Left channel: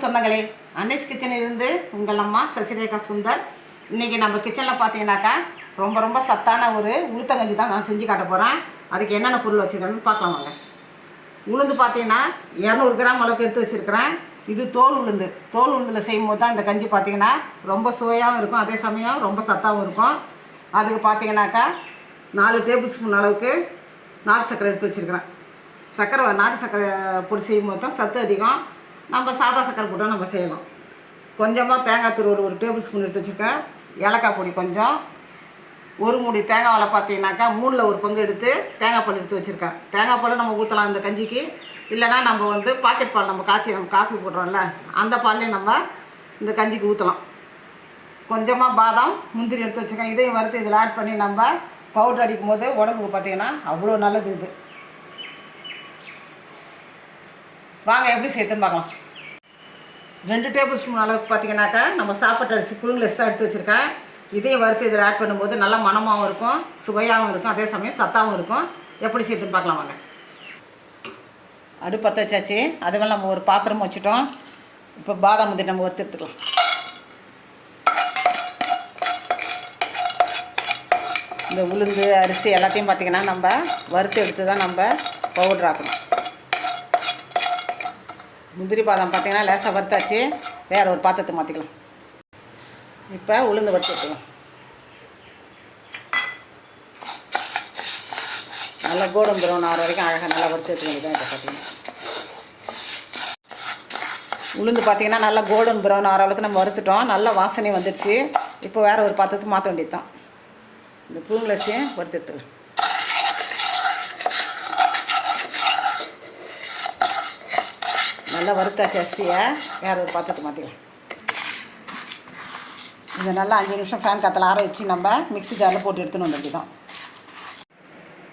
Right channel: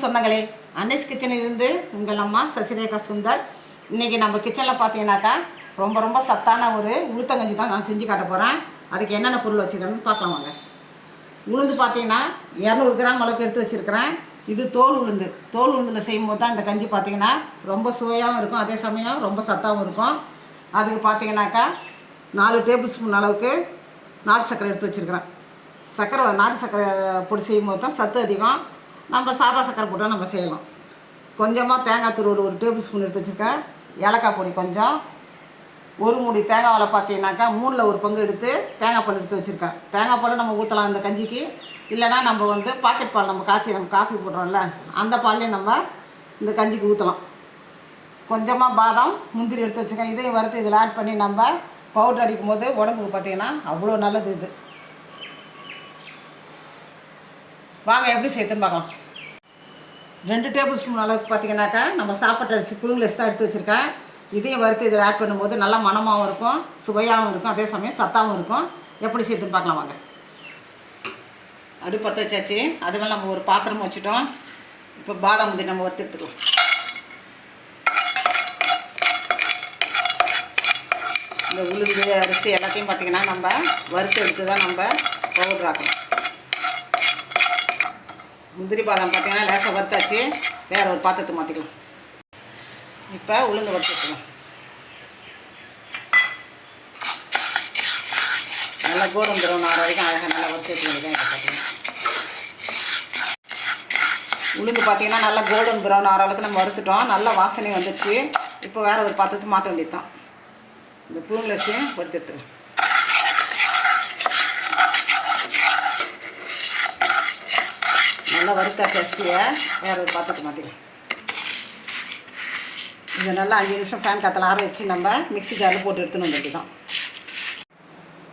வணக்கம் சொந்தங்களே, அன்னைஸ் கிச்சனில் இருந்து உங்கள் அம்மா சசிரேகா சுந்தர். இன்றைக்கி நம்ம கிச்சனில் பார்த்தீங்கன்னாக்கா ரொம்ப சத்தான ஒரு உளுத்தங்கஞ்சி தான் நான் செஞ்சு காட்ட போகிறேன். அதுக்கு என்னென்ன பொருள் வச்சுருக்கேன்னு பார்க்கலாம் வாங்க. உளுந்து பார்த்தீங்கன்னா 200 கிராம் அளவுக்கு எடுத்து வச்சுருக்கிறேன். இது தோல் உளுந்தில் செய்யும்போது தான் இந்த கஞ்சி பார்த்தீங்கன்னா ரொம்ப சுவையாகவும் இருக்கும், அதே சமயம் ரொம்ப சத்தாகவும் இருக்கும். அதுக்கு பார்த்தீங்கன்னாக்கா 4 டேபிள் ஸ்பூன் அளவுக்கு நாட்டு சர்க்கரை எடுத்து வச்சுருக்கிறேன். நாட்டு சர்க்கரை பொடி செய்யும்போது தான் சத்து அதிகம். நம்ம சாதா சர்க்கரை போட்டால் நம்ம செய்யலாம். கொஞ்சமாக தேங்காய் துருவல் 1 டேபிள் ஸ்பூன் எடுத்து வச்சுருக்கேன். ஏலக்காய் பொடி கொஞ்சம், ஒரு மூடி தேங்காயில் பார்த்தீங்கன்னாக்கா 3ல் 1 பங்கு எடுத்து தேங்காய் பால் எடுத்து வச்சுருக்கேன். தேங்காய் பால் நம்ம ஊற்றலாம் இந்த கஞ்சிக்கு. இல்லைனா நம்ம பாக்கெட் பால் நம்ம காஃபி போடுறோம்ல, அந்த பால்லேயே நம்ம இந்த கஞ்சிக்கு ஊற்றலாம். கொஞ்சமாக பாதாம் முந்திரி எடுத்து வச்சுருக்கேன். இதையும் வறுத்து இதில் ஆட் பண்ணி நம்ம பவுட்ரு அடிக்கும் போது உடம்புக்கு பார்த்திங்கன்னா அவ்வளோ நல்லது. இது வாங்க எப்படி சேர்த்துன்னு பார்க்கலாம். 2 டேபிள் ஸ்பூன் அளவுக்கு பார்த்திங்கனாக்கா நம்ம சாப்பாட்டு அரிசி புழுங்கல் எக்ஸ்ட்ரா எடுத்து வச்சுருக்கேன். இதையும் வறுத்து இதில் ஆட் பண்ணும்போது நல்லா மணமாகவும் இருக்கும், சுவையாகவும் இருக்கும், அதே சமயம் சத்தாகவும் இருக்கும். எப்படி சேர்த்துன்னு பார்க்கலாம் வாங்க. அடுப்பு பற்ற வச்சாச்சு. அதுவே நம்ம ஒரு பாத்திரம் வச்சுட்டோம். இப்போ பாதாம் முந்திரி நம்ம வறுத்து எடுத்துக்கலாம். இந்த உளுந்து அரிசி எல்லாத்தையும் பார்த்திங்கன்னா நம்ம வறுத்து எடுத்து தான் நம்ம பவுடர் ஆக்கணும். முந்திரி பாதாம் பார்த்திங்கன்னா லேசாக வறுத்தாச்சு. வேறு ஒரு பாத்திரத்தை மாற்றிக்கலாம். இப்போ உளுந்து வறுத்து எடுத்துக்கலாம். நல்லா கோல்டன் ப்ரௌன் ஆகிற வரைக்கும் அழகாக நல்லா வறுத்து எடுத்துக்கிறது தான். இப்போ பார்த்திங்கன்னா உளுந்து பார்த்திங்கன்னா நல்லா கோல்டன் ப்ரௌன் ஆகிற அளவுக்கு நம்ம வறுத்துட்டோம். நல்லா வாசனை வந்துடுச்சு. இப்போ வேறு ஒரு பாத்திரத்துக்கு மாற்ற வேண்டியது தான். இந்த புழுங்கலரிசியும் வறுத்து எடுத்துக்கலாம். நல்லா வறுத்தாச்சு அரிசியை. வேறு ஒரு பாத்திரத்தை மாற்றிக்கலாம். இந்த நல்லா 5 நிமிஷம் ஃபேன் காற்றுல ஆற வச்சு நம்ம மிக்ஸி ஜாரில் போட்டு எடுத்துன்னு வந்துட்டு தான்.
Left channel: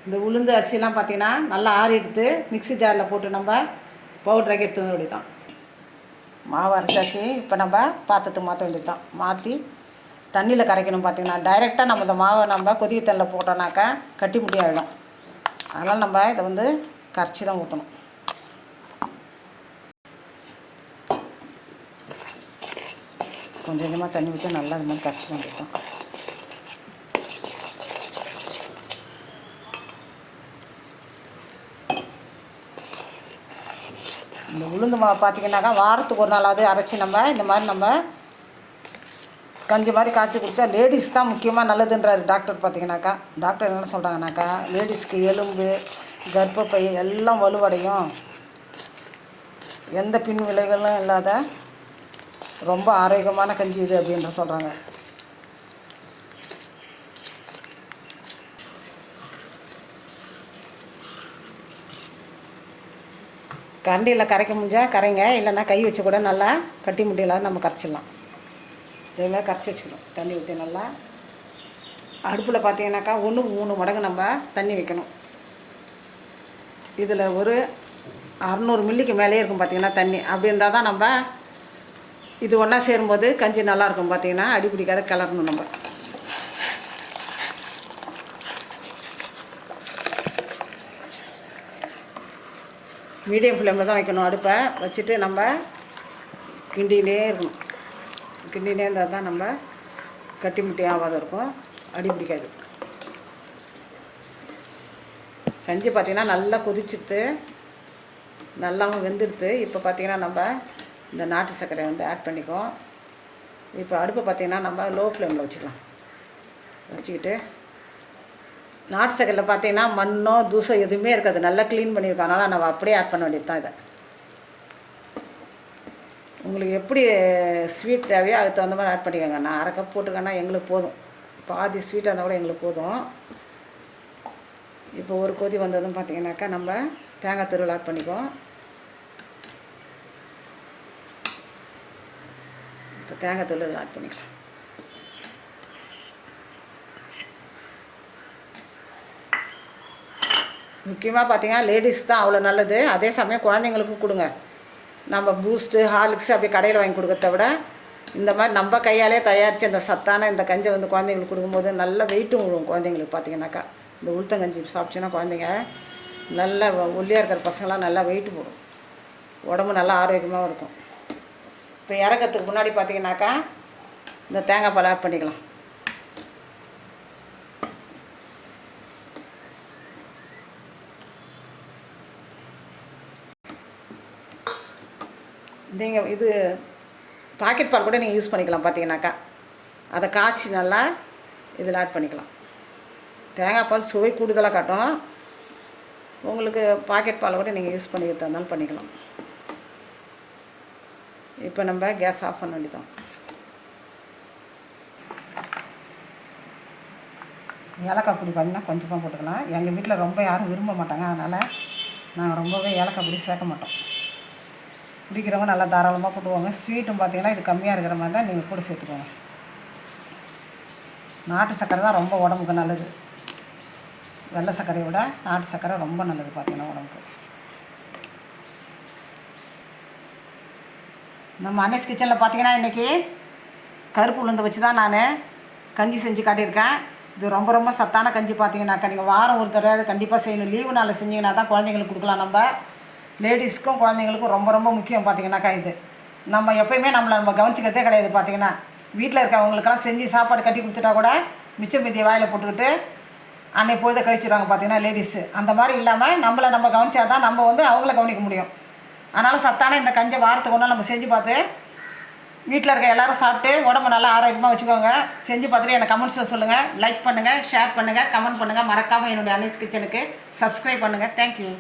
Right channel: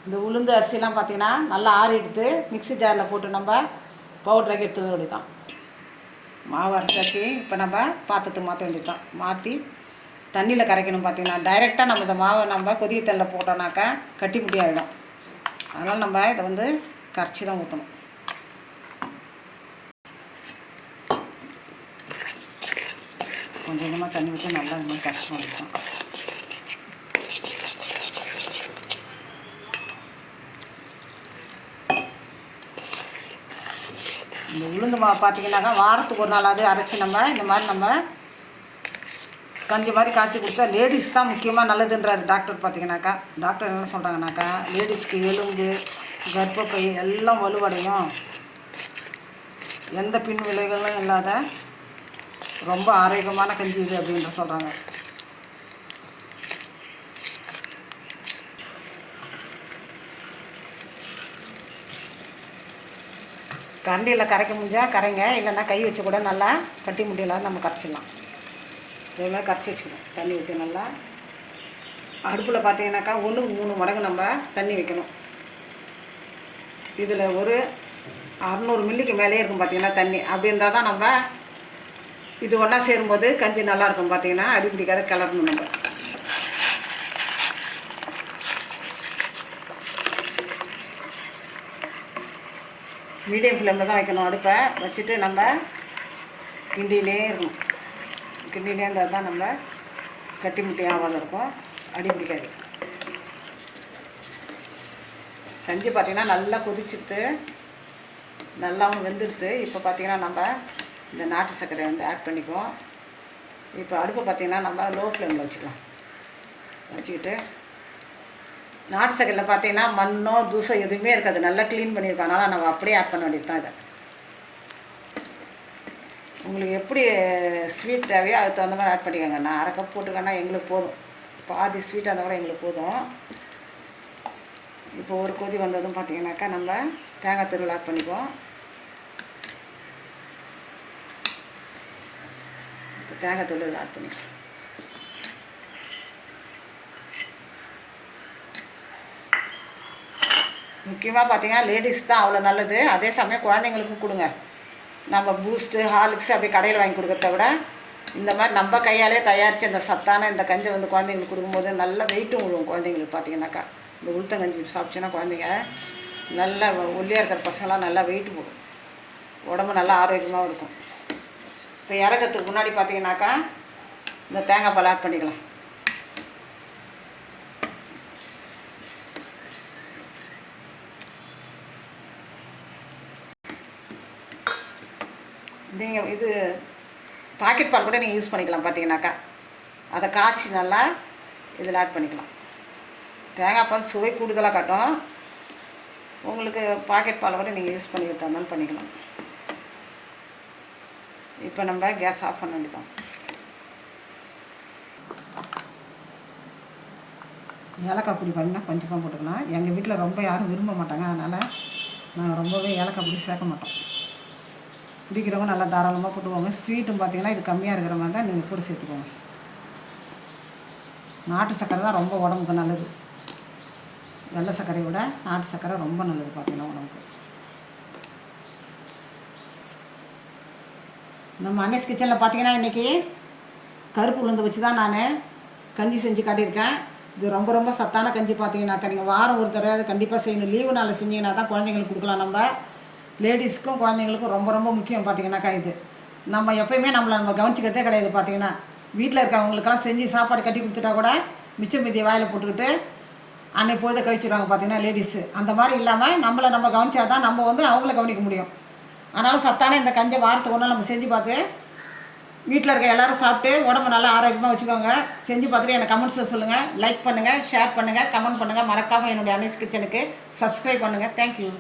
இந்த உளுந்து அரிசிலாம் பார்த்திங்கன்னா நல்லா ஆறி எடுத்து மிக்ஸி ஜாரில் போட்டு நம்ம பவுட்ராக்கி எடுத்துக்க வேண்டியது தான். மாவு அரைச்சாச்சு. இப்போ நம்ம பாத்திரத்துக்கு மாற்ற வேண்டியது தான். மாற்றி தண்ணியில் கரைக்கணும். பார்த்திங்கன்னா டைரெக்டாக நம்ம இந்த மாவை நம்ம கொதிக்க தண்ணியில் போட்டோன்னாக்கா கட்டி முட்டி ஆகிடும். அதனால் நம்ம இதை கரைச்சி தான் ஊற்றணும். கொஞ்சம் கொஞ்சமாக தண்ணி ஊற்றி நல்லா இது மாதிரி கரைச்சி வந்துடும். இந்த உளுந்து மாவு பார்த்திங்கன்னாக்கா வாரத்துக்கு ஒரு நாளாவது அரைச்சி நம்ம இந்த மாதிரி நம்ம கஞ்சி மாதிரி காய்ச்சி குடித்தா லேடிஸ் தான் முக்கியமாக நல்லதுன்றார் டாக்டர். பார்த்திங்கனாக்கா டாக்டர் என்ன சொல்கிறாங்கனாக்கா லேடிஸ்க்கு எலும்பு கர்ப்பப்பை எல்லாம் வலுவடையும், எந்த பின் விளைவுகளும் இல்லாத ரொம்ப ஆரோக்கியமான கஞ்சி இது அப்படின்ற சொல்கிறாங்க. கரண்டியில் கரைக்க முடிஞ்சால் கரைங்க, இல்லைன்னா கை வச்சு கூட நல்லா கட்டி முடியலாம் நம்ம கரைச்சிடலாம். இதே கரைச்சி வச்சுக்கணும். தண்ணி ஊற்றி நல்லா அடுப்பில் பார்த்தீங்கன்னாக்கா 1க்கு 3 மடங்கு நம்ம தண்ணி வைக்கணும். இதில் ஒரு 600 மில்லிக்கு மேலே இருக்கும் பார்த்திங்கன்னா தண்ணி. அப்படி இருந்தால் தான் நம்ம இது ஒன்றா சேரும்போது கஞ்சி நல்லாயிருக்கும். பார்த்திங்கன்னா அடிப்பிடிக்காத கிளறணும். நம்ம மீடியம் ஃப்ளேமில் தான் வைக்கணும். அடுப்பை வச்சுட்டு நம்ம கிண்டிகிட்டே இருக்கணும். கிண்டிகிட்டே இருந்தால் தான் நம்ம கட்டி முட்டி ஆகாத இருக்கும், அடிப்பிடிக்காது. கஞ்சி பார்த்திங்கன்னா நல்லா கொதிச்சுட்டு நல்லாவும் வெந்துடுது. இப்போ பார்த்திங்கன்னா நம்ம இந்த நாட்டு சர்க்கரையை ஆட் பண்ணிக்குவோம். இப்போ அடுப்பை பார்த்திங்கன்னா நம்ம லோ ஃப்ளேமில் வச்சுக்கிட்டு நாட்டு சர்க்கரையில் பார்த்திங்கன்னா மண்ணோ தூசை எதுவுமே இருக்காது, நல்லா க்ளீன் பண்ணியிருக்கோம். அதனால் நம்ம அப்படியே ஆட் பண்ண வேண்டியது தான். இதை உங்களுக்கு எப்படி ஸ்வீட் தேவையோ அதுக்கு தகுந்த மாதிரி ஆட் பண்ணிக்கோங்க. நான் 1/2 கப் போட்டுக்கேன்னா எங்களுக்கு போதும். பாதி ஸ்வீட்டாக இருந்தால் கூட எங்களுக்கு போதும். இப்போ ஒரு கொதி வந்ததும் பார்த்திங்கனாக்கா நம்ம தேங்காய் துருவல் ஆட் பண்ணிக்குவோம். இப்போ தேங்காய் துருவல் ஆட் பண்ணிக்கலாம். முக்கியமாக பார்த்திங்கன்னா லேடிஸ் தான் அவ்வளோ நல்லது. அதே சமயம் குழந்தைங்களுக்கும் கொடுங்க. நம்ம பூஸ்ட்டு ஹார்லிக்ஸ் அப்படி கடையில் வாங்கி கொடுக்கறத விட இந்த மாதிரி நம்ம கையாலே தயாரித்து அந்த சத்தான இந்த கஞ்சை குழந்தைங்களுக்கு கொடுக்கும்போது நல்ல வெயிட்டும் விழுவும். குழந்தைங்களுக்கு பார்த்திங்கனாக்கா இந்த உளுத்தங்கஞ்சி சாப்பிட்டோன்னா குழந்தைங்க நல்லா ஒல்லியாக இருக்கிற பசங்களாம் நல்லா வெயிட்டு போடும், உடம்பு நல்லா ஆரோக்கியமாகவும் இருக்கும். இப்போ இறக்கிறதுக்கு முன்னாடி பார்த்தீங்கன்னாக்கா இந்த தேங்காய் பால் ஆட் பண்ணிக்கலாம். நீங்கள் இது பாக்கெட் பால் கூட நீங்கள் யூஸ் பண்ணிக்கலாம். பார்த்தீங்கன்னாக்கா அதை காய்ச்சி நல்லா இதில் ஆட் பண்ணிக்கலாம். தேங்காய் பால் சுவை கூடுதலாக காட்டும். உங்களுக்கு பாக்கெட் பாலை கூட நீங்கள் யூஸ் பண்ணி தந்தாலும் பண்ணிக்கலாம். இப்போ நம்ம கேஸ் ஆஃப் பண்ண வேண்டியதான். ஏலக்காய் பொடி பார்த்திங்கன்னா கொஞ்சமாக போட்டுக்கலாம். எங்கள் வீட்டில் ரொம்ப யாரும் விரும்ப மாட்டாங்க, அதனால் நாங்கள் ரொம்பவே ஏலக்காய் பொடி சேர்க்க மாட்டோம். பிடிக்கிறவங்க நல்லா தாராளமாக போட்டுவாங்க. ஸ்வீட்டும் பார்த்திங்கன்னா இது கம்மியாக இருக்கிற மாதிரி தான் நீங்கள் கூட சேர்த்துக்கோங்க. நாட்டு சர்க்கரை தான் ரொம்ப உடம்புக்கு நல்லது. வெள்ளை சர்க்கரையை விட நாட்டு சர்க்கரை ரொம்ப நல்லது பார்த்திங்கன்னா உடம்புக்கு. நம்ம அன்னஸ் கிச்சனில் பார்த்திங்கன்னா இன்றைக்கி கருப்பு உளுந்து வச்சு தான் நான் கஞ்சி செஞ்சு காட்டியிருக்கேன். இது ரொம்ப ரொம்ப சத்தான கஞ்சி. பார்த்தீங்கன்னாக்கா நீங்கள் வாரம் ஒரு தடவை கண்டிப்பாக செய்யணும். லீவு நாளில் செஞ்சிங்கன்னா தான் குழந்தைங்களுக்கு கொடுக்கலாம். நம்ம லேடிஸ்க்கும் குழந்தைங்களுக்கும் ரொம்ப ரொம்ப முக்கியம். பார்த்தீங்கன்னாக்கா இது நம்ம எப்போயுமே நம்ம கவனிச்சிக்கிறதே கிடையாது. பார்த்தீங்கன்னா வீட்டில் இருக்கவங்களுக்கெல்லாம் செஞ்சு சாப்பாடு கட்டி கொடுத்துட்டா கூட மிச்சம் மீதியை வாயில் போட்டுக்கிட்டு அன்னை பொழுதை கழிச்சிடுவாங்க. பார்த்தீங்கன்னா லேடிஸு அந்த மாதிரி இல்லாமல் நம்ம கவனிச்சா தான் நம்ம அவங்கள கவனிக்க முடியும். அதனால் சத்தான இந்த கஞ்சை வாரத்துக்கு ஒன்றா நம்ம செஞ்சு பார்த்து வீட்டில் இருக்க எல்லோரும் சாப்பிட்டு உடம்பு நல்லா ஆரோக்கியமாக வச்சுக்கோங்க. செஞ்சு பார்த்துட்டு எனக்கு கமெண்ட்ஸில் சொல்லுங்கள். லைக் பண்ணுங்கள், ஷேர் பண்ணுங்கள், கமெண்ட் பண்ணுங்கள். மறக்காமல் என்னுடைய அன்னஸ் கிச்சனுக்கு சப்ஸ்கிரைப் பண்ணுங்கள். தேங்க்யூ.